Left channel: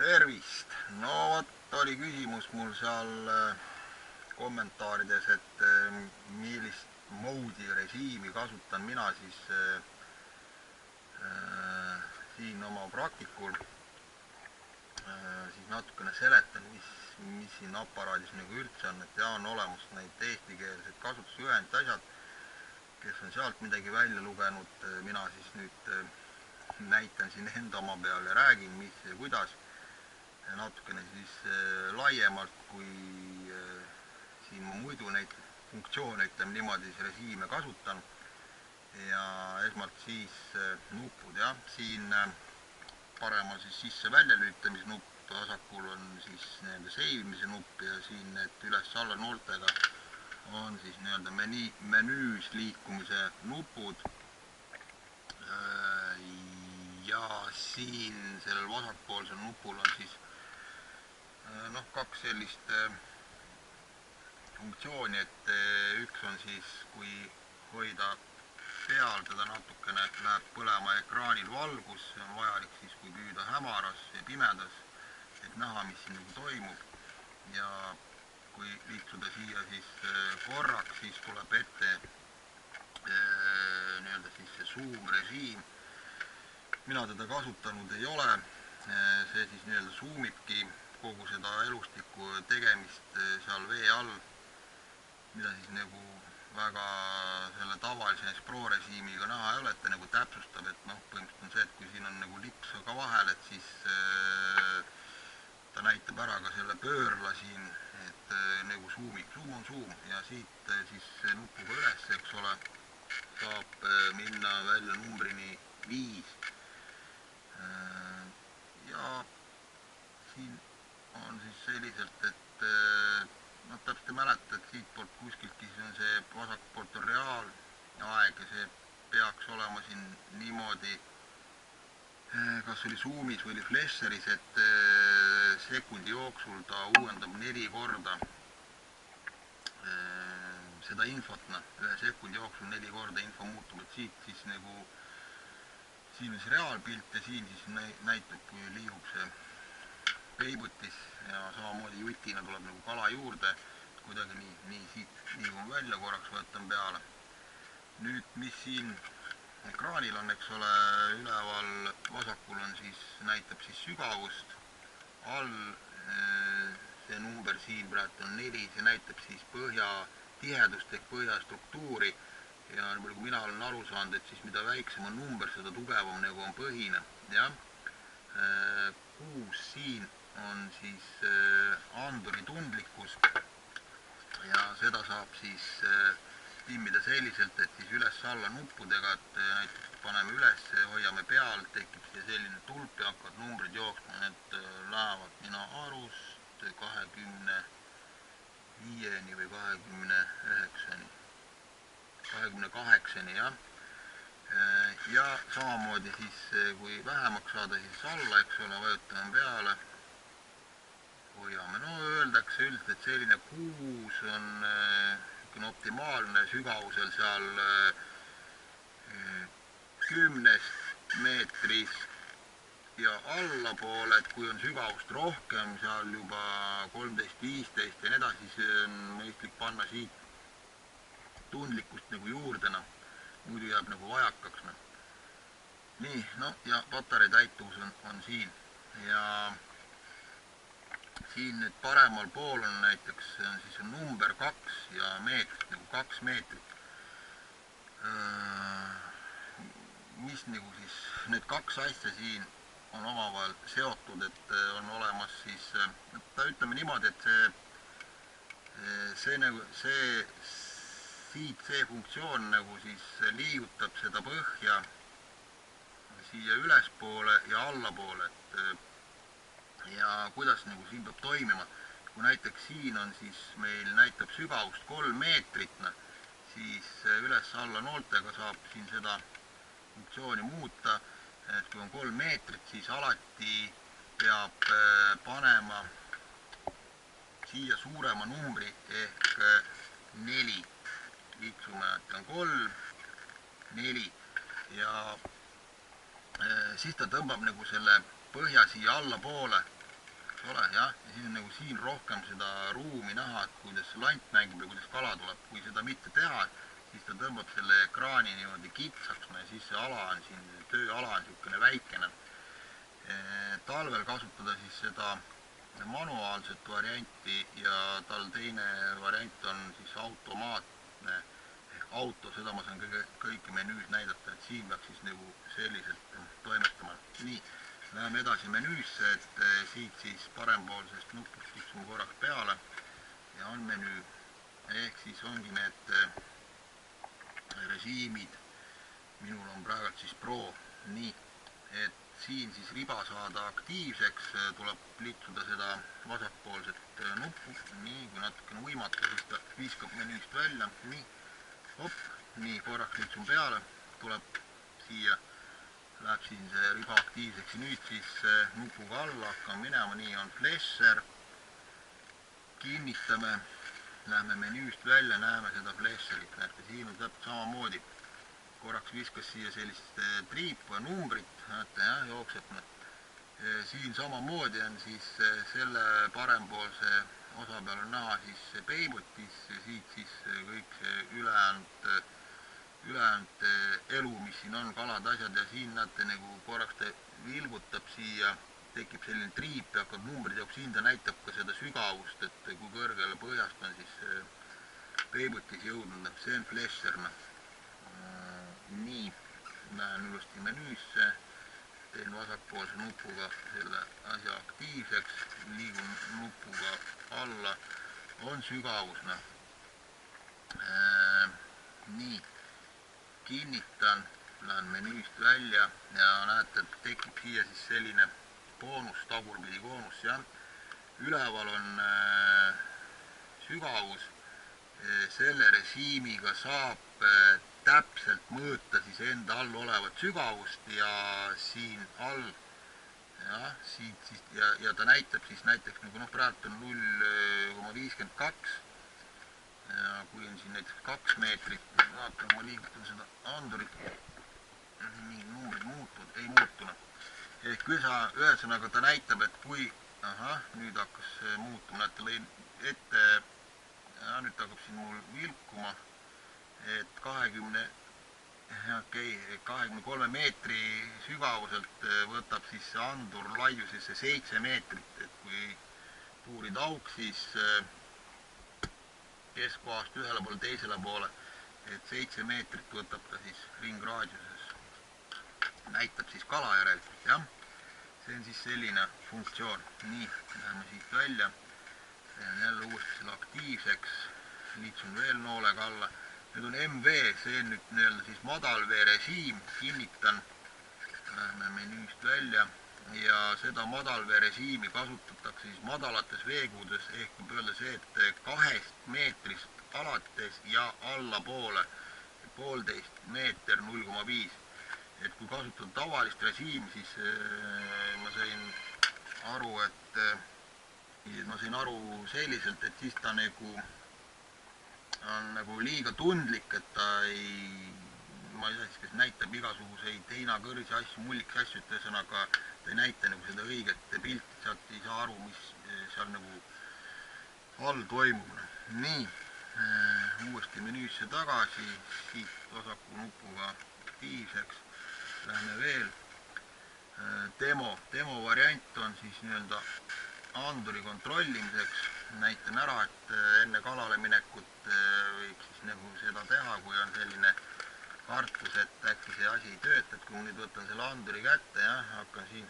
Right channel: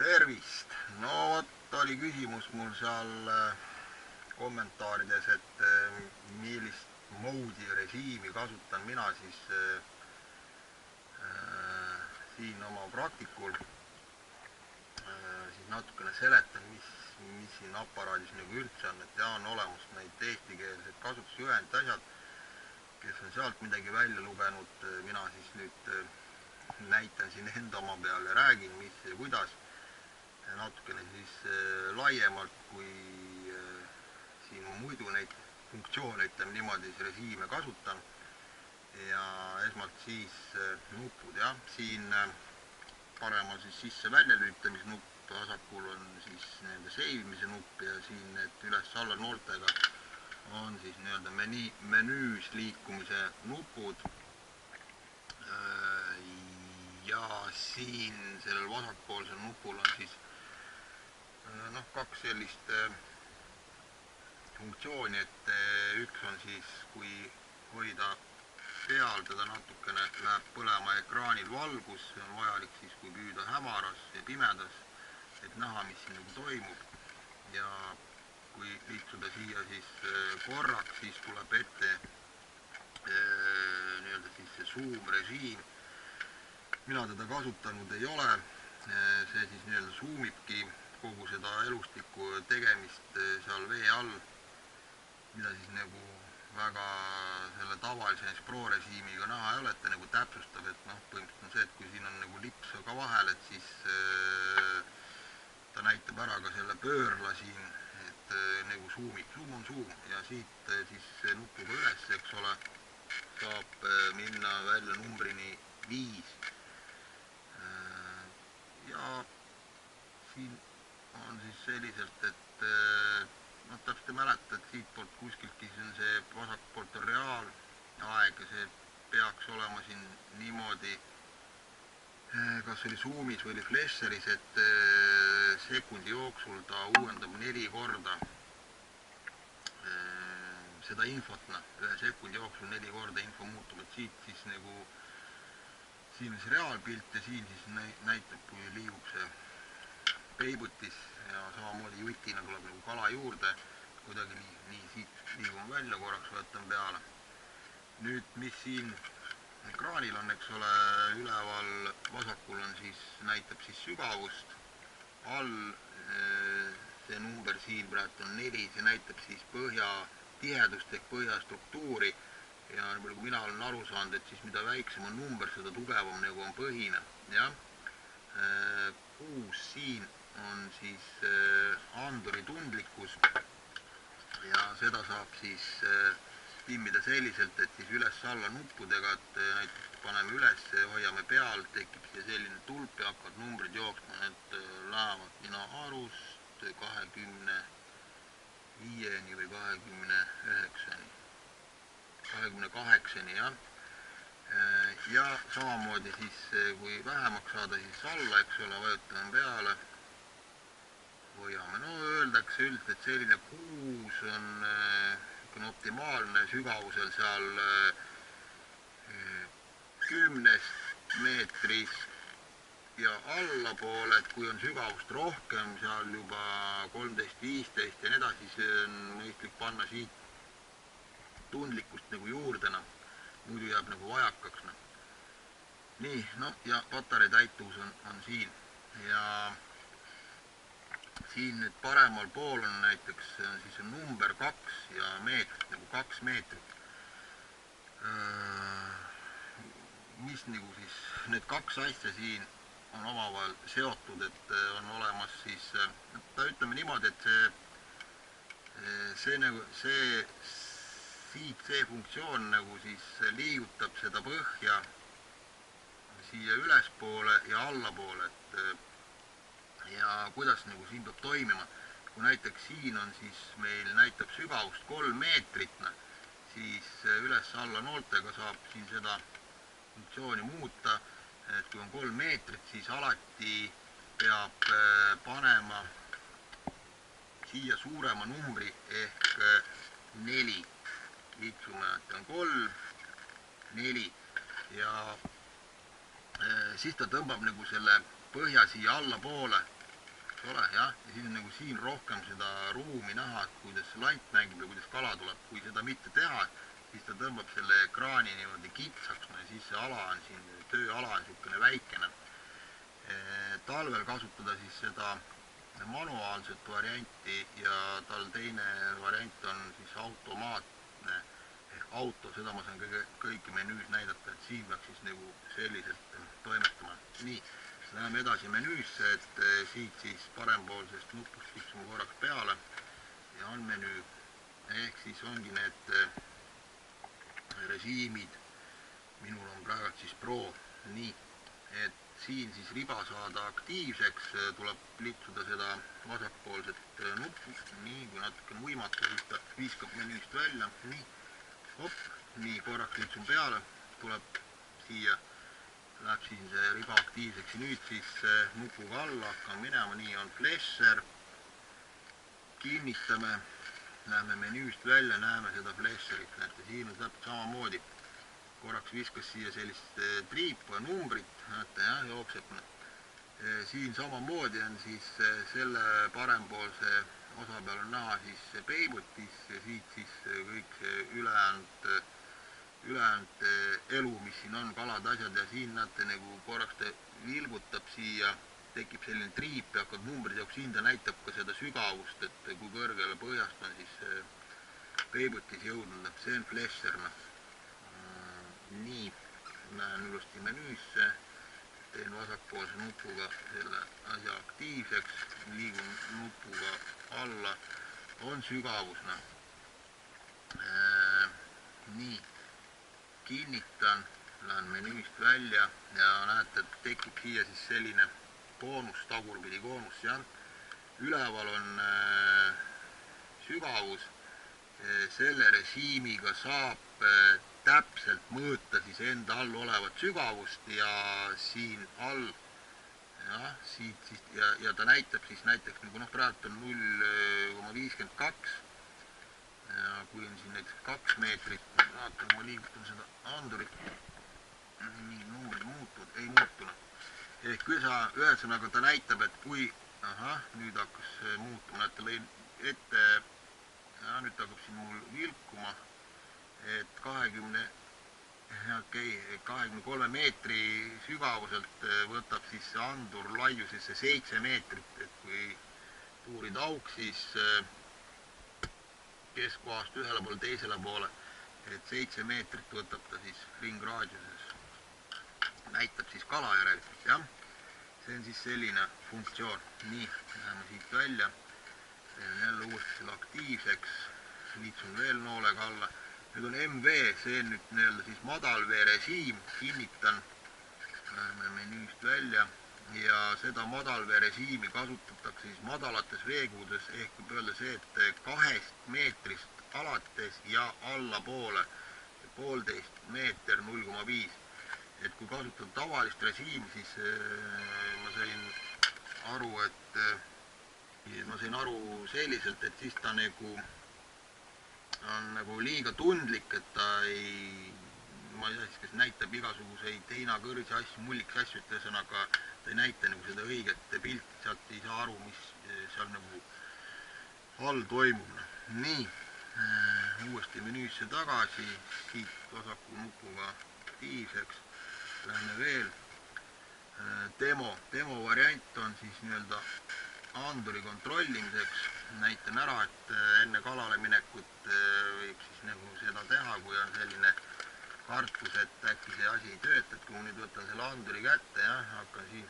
Tervist! No vot oli küsimus mul seal kommentaarides, et millist moodi režiimi kasutan mina siis siin oma praktikul. Siis natukene seletan, mis siin aparaadis nagu üldse on, et on olemas neid eestikeelsed kasutusjuhendid, asjad, kes on sealt midagi välja lugenud, mina siis nüüd näitan siin enda oma peal ja räägin, mis ja kuidas. Natukene siis laiemalt, kui siin ma muidu neid funktsioone, ütleme niimoodi, režiime kasutan. Ja esmalt siis nupud, jah. Siin paremal siis sisse väljalülitamisnupp, vasakul on siis nii-öelda seivimise nupp ja siin need üles-alla nooltega on siis nii-öelda menüüs liikumise nupud. Ja siin sellel vasakpoolsel nupul on siis kaks sellist funktsiooni, et üks on siis, kui hoida peal, teda natukene läheb põlema ekraanil valgus, see on vajalik siis, kui püüda hämaras ja pimedas, et näha, mis siin nagu toimub. Ja kui liiksuda siia siis korraks, siis tuleb ette nii-öelda siis see zoom režiim. Mina teda kasutanud ei ole, see siis nii-öelda zoomibki kogu seda elustiku tegemist seal vee all, mida siis nagu väga selle tavalise Pro režiimiga näha ei ole, et ta nagu täpsustab, et põhimõtteliselt on see, et kui siin on nagu lips ka vahel, et siis ta näitab ära ka selle pöörla siin, et nagu zoomib, zoom on zoom ja siit siis nupuga üles, eks ole, saab minna välja numbrini 5. Ja siin on siis selliselt, et täpselt ei mäleta, et siit poolt kuskiltki siis on see vasak poolt on reaalaeg ja see peaks olema siin niimoodi, kas oli zoomis või oli flasheris, et sekundi jooksul ta uuendab 4 korda seda infot, ühe sekundi jooksul 4 korda info muutub, et siit siis nagu siin on see reaalpilt ja siin siis näitab, kui liigub see peibutis ja samamoodi jutina tuleb nagu kala juurde, kuidagi nii siit liigum välja, korraks võtan peale. Nüüd, mis siin ekraanil on, eks ole, üleval vasakul on siis, näitab siis sügavust, all see number siin praegu on 4, see näitab siis põhja tihedust ehk põhja struktuuri ja kui mina olen aru saanud, et siis mida väiksem on number, seda tugevam nagu on põhine, jah. 6 siin on siis anduri tundlikkus ja seda saab siis timmida selliselt, et siis üles-alla nuppudega, et näiteks paneme üles ja hoiame peal, tekib siia selline tulp ja hakkavad numbrid jooksma, need lähevad mina arust 25-ni või 29-ni, 28-ni, jah. Ja samamoodi siis, kui vähemaks saada, siis alla, eks ole, vajutame peale, hoiame. No öeldakse üldiselt, et selline 6 on optimaalne sügavusel seal 10 meetrist ja allapoole, et kui on sügavust rohkem, seal juba 13-15 ja nii edasi, siis on mõistlik panna siit tundlikkust nagu juurde, muidu jääb nagu vajakaks. Nii, ja patarei täituvus on siin ja siin nüüd paremal pool on näiteks siis on number 2 ja meetrit, nagu 2 meetrit. Mis nagu siis, need 2 asja siin on omavahel seotud, et on olemas siis, ta ütleme niimoodi, et see funktsioon nagu siis liigutab seda põhja siia ülespoole ja allapoole, ja kuidas nagu siin peab toimima. Kui näiteks siin on siis meil näitab sügavust 3 meetrit, siis üles-alla nooltega saab siin seda funktsiooni muuta, et kui on 3 meetrit, siis alati peab panema siia suurema numbri ehk 4. Liiksume, et on 3, 4 ja siis ta tõmbab nagu selle põhja siia allapoole eks ole, jah, ja siis on nagu siin rohkem seda ruumi näha, et kuidas see lant mängib ja kuidas kala tuleb. Kui seda mitte teha, siis ta tõmbab selle ekraani niimoodi kitsaks, no ja siis see ala on siin, tööala on niisugune väikene. Talvel kasutada siis seda manuaalset varianti ja tal teine variant on siis automaatne ehk auto, seda ma saan kõike menüüs näidata, et siin peaks siis nagu selliselt toimetama. Nii, läheme edasi menüüsse, et siit siis parempoolsest nupust tiksume korraks peale ja on menüü. Ehk siis ongi need režiimid, minul on praegu siis Pro, nii, et siin siis riba saada aktiivseks, tuleb litsuda seda vasakpoolset nuppu, nii, kui natukene võimata, siis ta viskab menüüst välja, nii, hopp, nii, korraks litsun peale, tuleb siia, läheb siin see riba aktiivseks ja nüüd siis nupuga alla hakkame minema, nii on flasher, kinnitame, lähme menüüst välja, näeme seda flasherit, näete, siin on täpselt samamoodi. Korraks viskas siia sellist triipu ja numbrit, näete, jah, jookseb. Siin samamoodi on siis selle parempoolse osa peal on näha siis peibutis ja siit siis kõik see ülejäänud elu, mis siin on, kalad, asjad ja siin näete nagu korraks ta vilgutab siia, tekib selline triip ja hakkab numbrid jaoks, siin ta näitab ka seda sügavust, et kui kõrgele põhjast on siis peibutis jõudnud, see on flasher. Nii, lähen ilusti menüüsse, teen vasakpoolse nupuga selle asja aktiivseks, liigun nupuga alla, on sügavus. Nii, kinnitan, lähen menüüst välja ja näete, et tekib siia siis selline koonus, tagurpidi koonus, jah. Üleval on sügavus, selle režiimiga saab täpselt mõõta siis enda all olevat sügavust ja siin all, jah, siit siis, ja ta näitab siis näiteks nagu praegu on 0,52 ja kui on siin näiteks 2 meetrit, vaatan, ma liigutan seda andurit, nii, numbrid muutuvad, ei muutunud. Ehk ühesõnaga ta näitab, et kui, nüüd hakkas muutuma, näete, lõin ette, nüüd hakkab siin mul vilkuma, et 23 meetri sügavuselt võtab siis see andur laiusesse 7 meetrit, et kui puurida auk, siis keskkohast ühele poole, teisele poole, et 7 meetrit võtab ta siis ringraadiuses, näitab siis kala järelikult, jah. See on siis selline funktsioon. Nii, läheme siit välja, teen jälle uuesti selle aktiivseks, liitsun veel noolega alla. Nüüd on MV, see on nüüd nii-öelda siis madalvee režiim, kinnitan, läheme menüüst välja ja seda madalvee režiimi kasutatakse siis madalates veekuudes, ehk võib öelda see, et 2 meetrist alates ja allapoole 1,5 meeter 0,5. Et kui kasutada tavalist režiimi, siis ma sain aru selliselt, et siis ta on nagu liiga tundlik, et ta ei, ma ei tea siis, kas näitab igasuguseid heinakõrsi asju, mulliks asju, et ühesõnaga ta ei näita nagu seda õiget pilti, sealt ei saa aru, mis seal nagu all toimub. Nii, uuesti menüüsse tagasi, siit vasaku nupuga aktiivseks, lähme veel. Demo variant on siis nii-öelda anduri kontrollimiseks, näitan ära, et enne kalale minekut võiks siis nagu seda teha, kui on selline kartus, et äkki see asi ei tööta, et kui ma nüüd võtan selle anduri kätte ja hakkan siin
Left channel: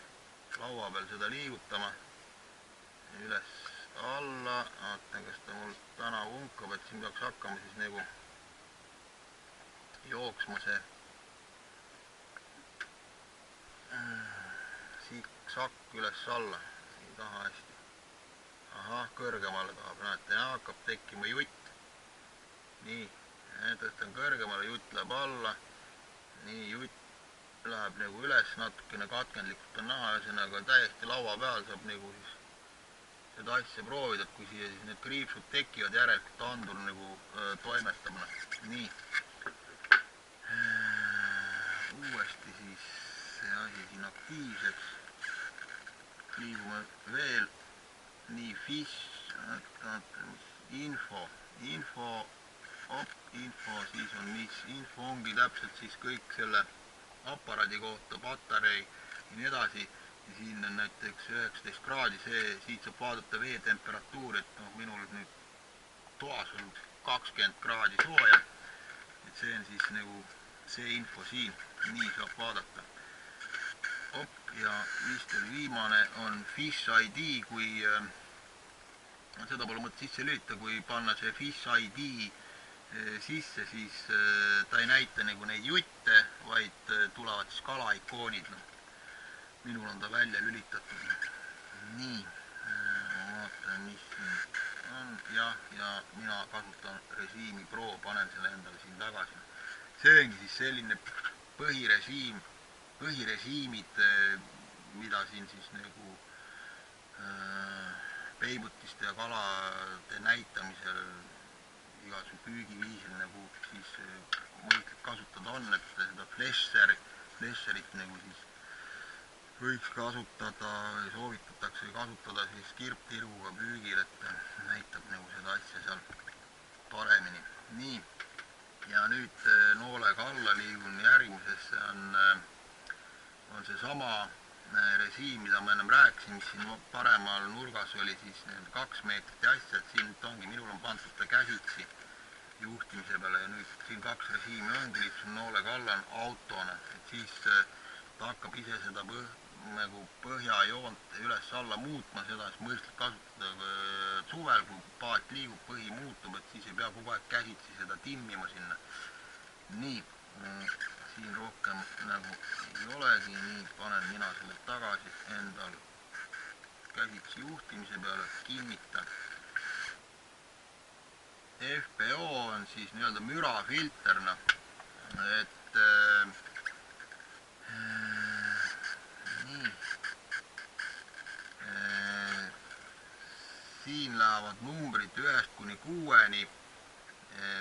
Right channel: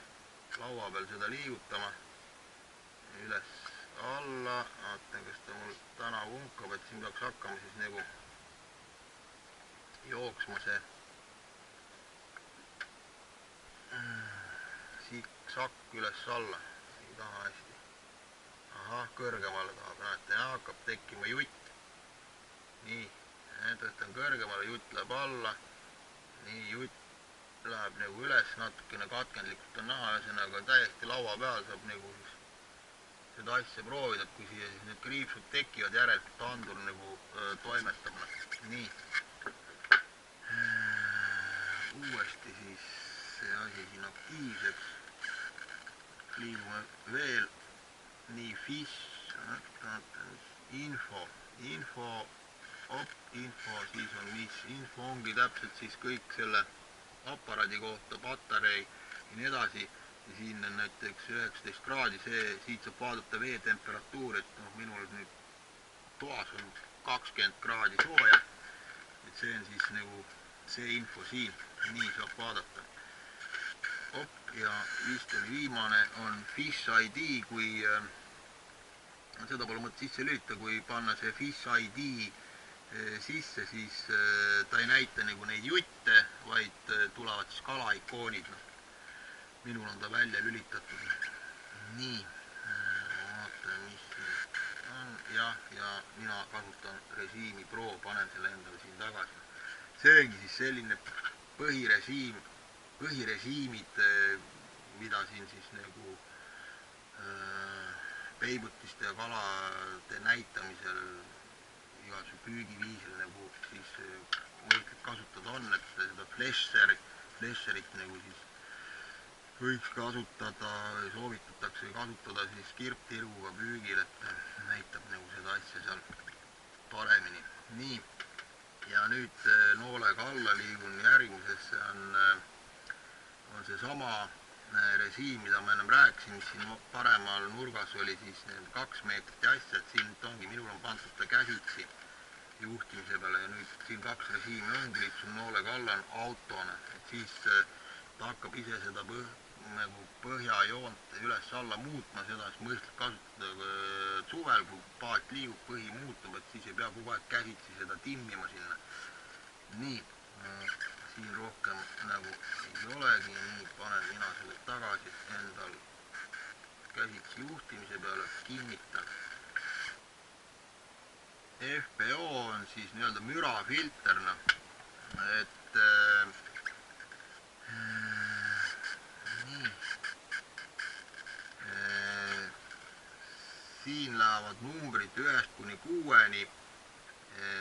laua peal seda liigutama üles alla, vaatan, kas ta mul täna vunkab, et siin peaks hakkama siis nagu jooksma see sikksakk üles-alla, ei taha hästi. Ahah, kõrgemale tahab, näete, ja hakkab tekkima jutt. Nii, tõstan kõrgemale, jutt läheb alla. Nii, jutt läheb nagu üles, natukene katkendlikult on näha, ühesõnaga täiesti laua peal saab nagu siis seda asja proovida, et kui siia siis need kriipsud tekivad, järelikult andur nagu toimetab. Nii, uuesti siis see asi siin aktiivseks, liigume veel nii fish, info, siis on mis, info ongi täpselt siis kõik selle aparaadi kohta, patarei ja nii edasi. Ja siin on näiteks 19 kraadi, siit saab vaadata vee temperatuur, et noh, minul nüüd toas on 20 kraadi sooja, et see on siis nagu see info siin, nii saab vaadata. Ja vist oli viimane on Fish ID, kui seda pole mõtet sisse lüüta, kui panna see Fish ID sisse, siis ta ei näita nagu neid jutte, vaid tulevad siis kalaikoonid. Minul on ta välja lülitatud. Nii, vaatan, mis siin on. Ja mina kasutan režiimi Pro, panen selle endale siin tagasi. See ongi siis selline põhirežiimid, mida siin siis nagu peibutiste ja kalade näitamisel igasuguse püügiviisil nagu siis mõistlik kasutada on, et seda flesherit nagu siis võiks kasutada või soovitatakse kasutada siis kirptirguga püügil, et näitab nagu seda asja seal paremini. Nii, ja nüüd noolega alla liigun järgmisesse on see sama režiim, mida ma ennem rääkisin, mis siin paremal nurgas oli siis 2 meetrit ja asja, et siin ongi, minul on pandud ta käsitsi juhtimise peale ja nüüd siin 2 režiimi ongi, liitsun noolega alla on autone, et siis ta hakkab ise seda nagu põhjajoont üles-alla muutma, seda siis mõistlik kasutada suvel, kui paat liigub, põhi muutub, et siis ei pea kogu aeg käsitsi seda timmima sinna. Nii, siin rohkem nagu ei olegi, nii panen mina selle tagasi endal käsitsi juhtimise peale, kinnitan. FPO on siis nii-öelda mürafilterna, et nii, siin lähevad numbrid 1 kuni 6-ni,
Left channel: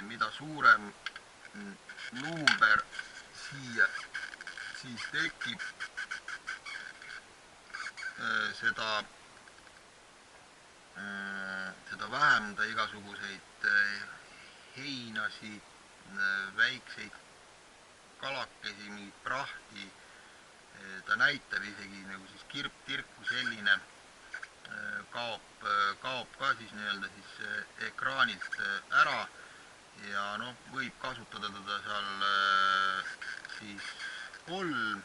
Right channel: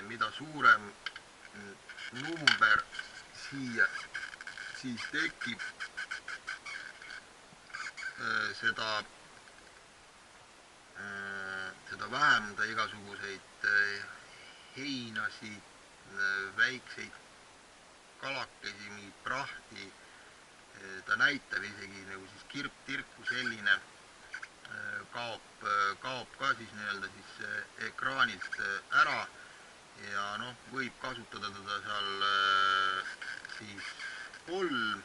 mida suurem number siia siis tekib, seda vähem ta igasuguseid heinasid, väikseid kalakesi, mingit prahti, ta näitab isegi nagu siis kirptirku selline kaob ka siis nii-öelda siis ekraanilt ära ja noh, võib kasutada teda seal siis 3,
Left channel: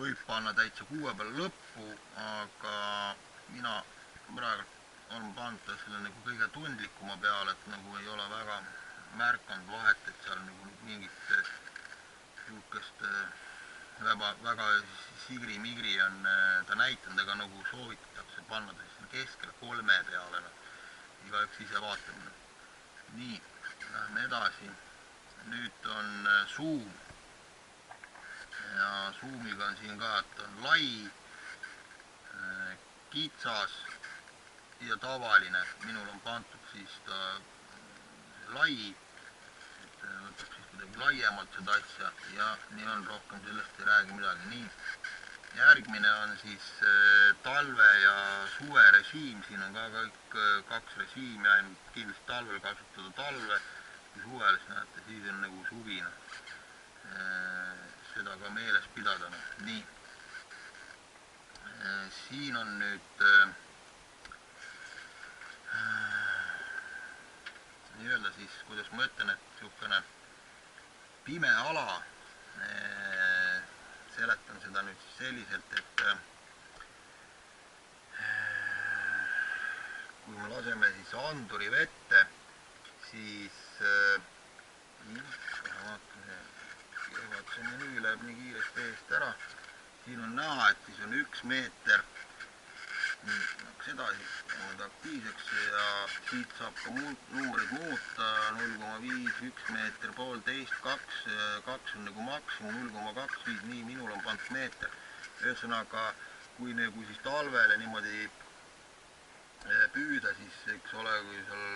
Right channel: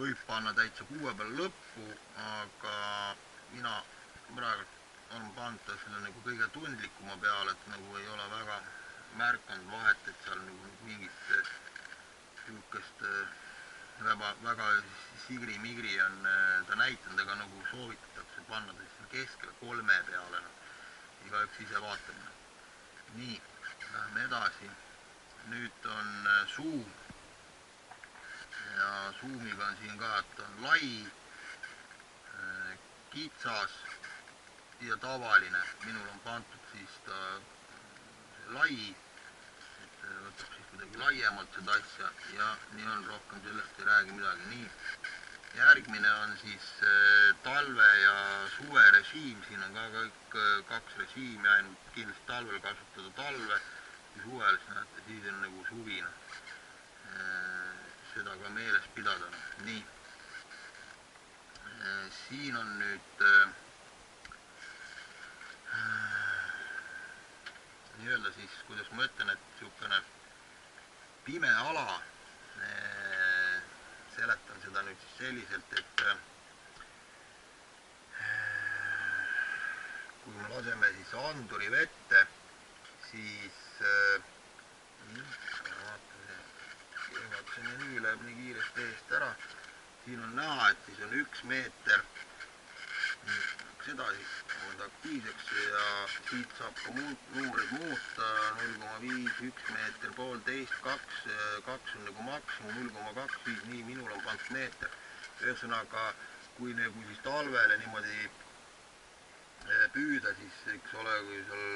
võib panna täitsa 6 peale lõppu, aga mina praegu olen pannud ta selle nagu kõige tundlikuma peale, et nagu ei ole väga märkanud vahet, et seal nagu mingit niisugust väga sigri-migri on ta näitanud, ega nagu soovitatakse panna ta siis keskele 3 peale, igaüks ise vaatab. Nii, lähme edasi. Nüüd on zoom ja zoomiga on siin ka, et on lai, kitsas ja tavaline. Minul on pandud siis ta lai, et võtab siis kuidagi laiemalt seda asja ja nii on, rohkem sellest ei räägi midagi. Nii, järgmine on siis talve ja suve režiim, siin on ka kõik 2 režiimi, ainult kindlasti talvel kasutada talve, kui suvel, siis näete, siis on nagu suvina. Seda ka meeles pidada. Nii, siin on nüüd nii-öelda siis, kuidas ma ütlen, et niisugune pime ala, seletan seda nüüd selliselt, et kui me laseme siis anduri vette, siis vaatasin ja nii läheb nii kiiresti eest ära. Siin on näha, et siis on 1 meeter, edasi on aktiivseks ja siit saab ka numbrid muuta, 0,5, 1 meeter, 1,5, 2, 2 on nagu maksimum, 0,2, nii minul on pandud meeter. Ühesõnaga, kui nagu siis talvele niimoodi püüda, siis eks ole, kui seal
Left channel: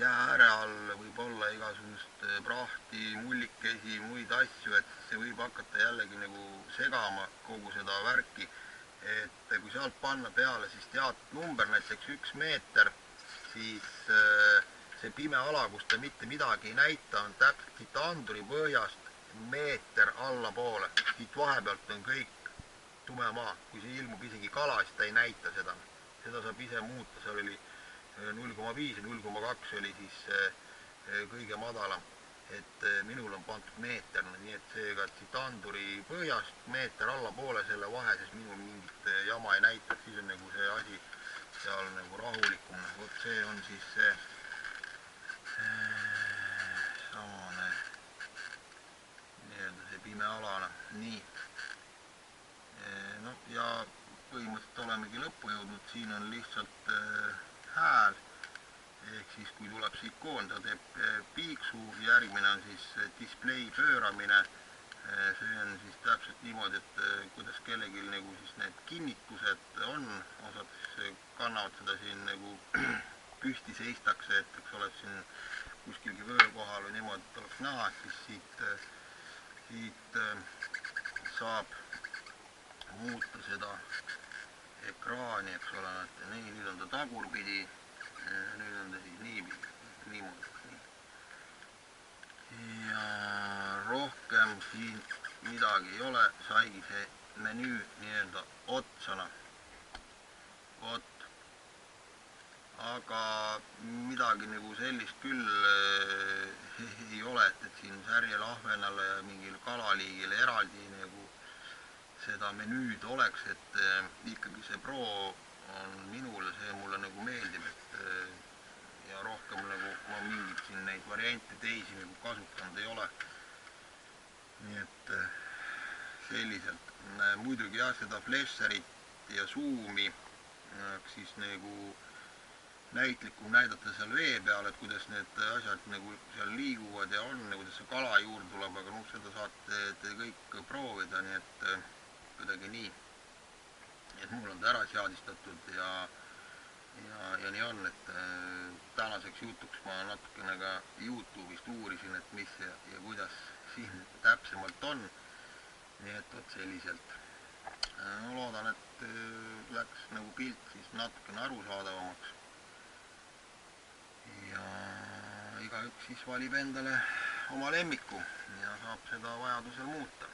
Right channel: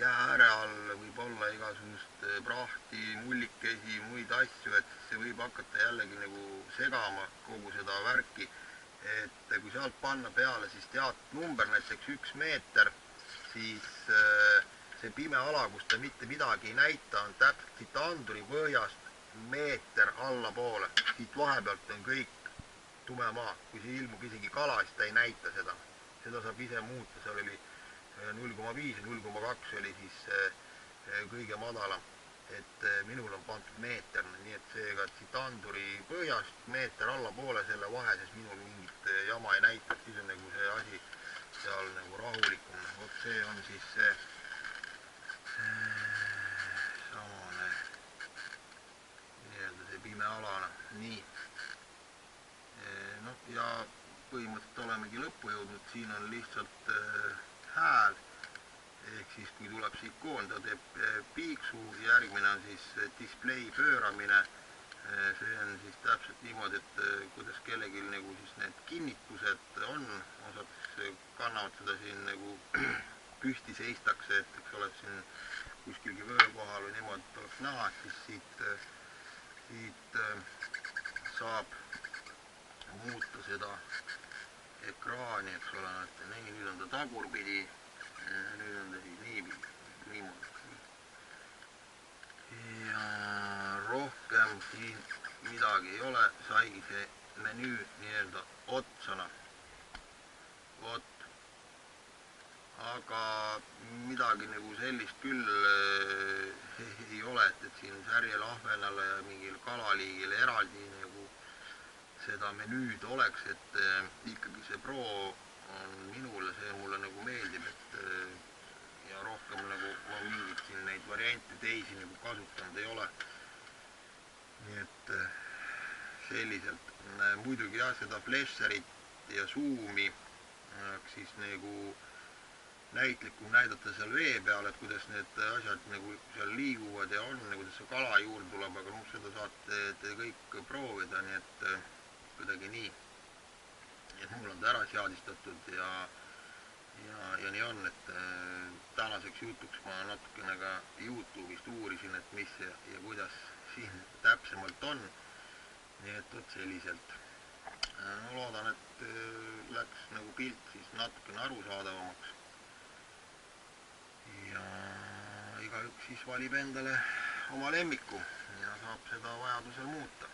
jää ääre all võib olla igasugust prahti, mullikesi, muid asju, et see võib hakata jällegi nagu segama kogu seda värki. Et kui sealt panna peale siis teatud number, näiteks 1 meeter, siis see pime ala, kus ta mitte midagi ei näita, on täpselt siit anduri põhjast meeter allapoole. Siit vahepealt on kõik tume maa. Kui see ilmub isegi kala, siis ta ei näita seda. Seda saab ise muuta, seal oli 0,5 ja 0,2 oli siis kõige madalam. Et minul on pandud meeterne, nii et seega siit anduri põhjast meeter allapoole selle vahe, siis minul mingit jama ei näita, siis on nagu see asi seal nagu rahulikum. Vot see on siis see samane nii-öelda see pime alana. Nii. No ja põhimõtteliselt olemegi lõppu jõudnud, siin on lihtsalt hääl. Ehk siis kui tuleb see ikoon, ta teeb piiksu, järgmine on siis display pööramine. See on siis täpselt niimoodi, et kuidas kellelgi nagu siis need kinnitused on, osad siis kannavad seda siin nagu püsti seistakse, et eks ole siin kuskilgi vöö kohal või niimoodi, et oleks näha, et siis siit saab muuta seda ekraani, eks ole, et nii, nüüd on ta tagurpidi. Nüüd on ta siis niimoodi. Ja rohkem siin midagi ei ole, saigi see menüü nii-öelda otsana. Vot. Aga midagi nagu sellist küll ei ole, et siin särjel, ahvenale ja mingil kalaliigile eraldi nagu seda menüüd oleks, et ikkagi see Pro on minule, see mulle nagu meeldib, et ja rohkem nagu ma mingit siin neid variante teisi nagu kasutanud ei ole. Nii et selliselt. Muidugi jah, seda flasherit ja zoomi siis nagu näitlikum näidata seal vee peal, et kuidas need asjad nagu seal liiguvad ja on, kuidas see kala juurde tuleb, aga seda saate te kõik proovida, nii et kuidagi nii. Et mul on ta ära seadistatud ja nii on, et tänaseks jutuks ma natukene ka YouTube'ist uurisin, et mis ja kuidas siin täpsemalt on. Nii et vot selliselt. Ma loodan, et läks nagu pilt siis natukene arusaadavamaks. Ja igaüks siis valib endale oma lemmiku ja saab seda vajadusel muuta.